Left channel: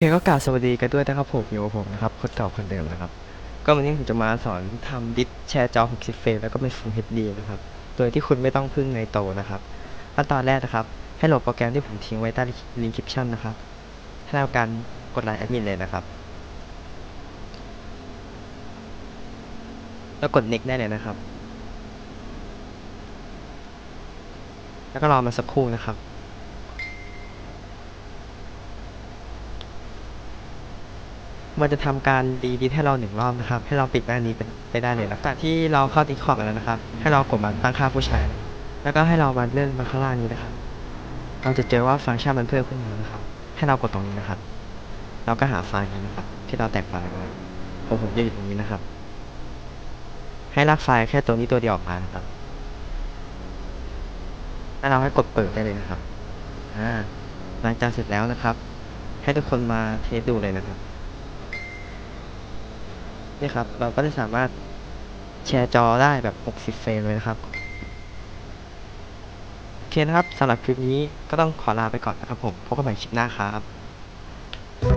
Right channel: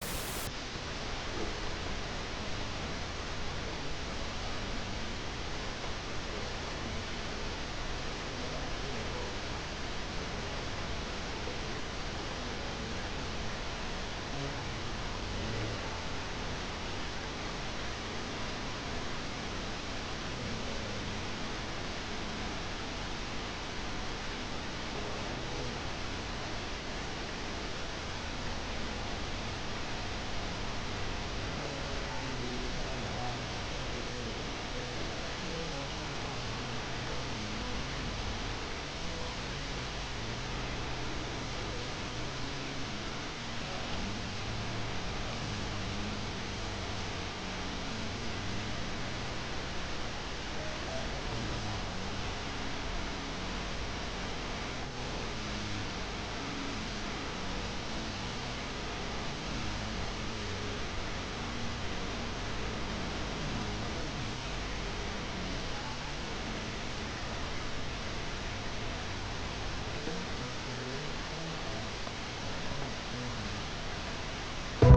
เคก็กล่าวสวัสดีกันด้วยนะครับผมอยู่กับผมนะครับคนเก่าคนเดิมนะครับ ก็วันนี้ผมจะมาสอนทำดิสแชร์จอ 60 เฟรมแล้วก็เป็น Full HD นะครับโดยที่คุณไม่ต้องพึ่งในโตนะครับขั้นตอนแรกนะครับ ให้โหลดโปรแกรมที่ผมทิ้งไว้ใต้ลิงก์คลิปชั่นนะครับให้ทำการกดไลน์แอดมินเลยนะครับ แล้วกด next ได้เลยนะครับ แล้วก็รอมาสักครู่นะครับ มันจะทำการดีดีให้เราหนึ่งรอบนะครับ ให้เราปิดหน้านี้ไปได้เลยนะจากที่เราเข้าดิสคอร์ดแล้วนะครับ ให้เรากดมาตั้งค่าผู้ใช้ แล้วก็ให้เรามาเลื่อนมาข้างล่างนี้นะครับ เราจะเจอว่าฟังก์ชันมันเพิ่มขึ้นมานะครับ ให้เรากดตรงนี้นะครับ เราก็หาไฟล์นี้นะครับ ที่เราแตกไฟล์มาผมผมจะอยู่ตรงนี้นะครับ ให้ลากไฟล์แค่ตัวนี้ตัวเดียวออกมาครับแล้วเราให้กดเปิดได้เลยนะครับ อ่าหลังจากเสร็จแล้วนะครับ ให้ทุกคนมาเทสดูเลยนะครับ นี่ครับ เราก็จะสามารถแชร์จอได้แบบ 60 เฟรมเลยนะครับ โอเคนะครับสำหรับคลิปนี้ก็ต้องขอลาไปก่อนนะครับผม พบกันใหม่คลิปหน้าครับ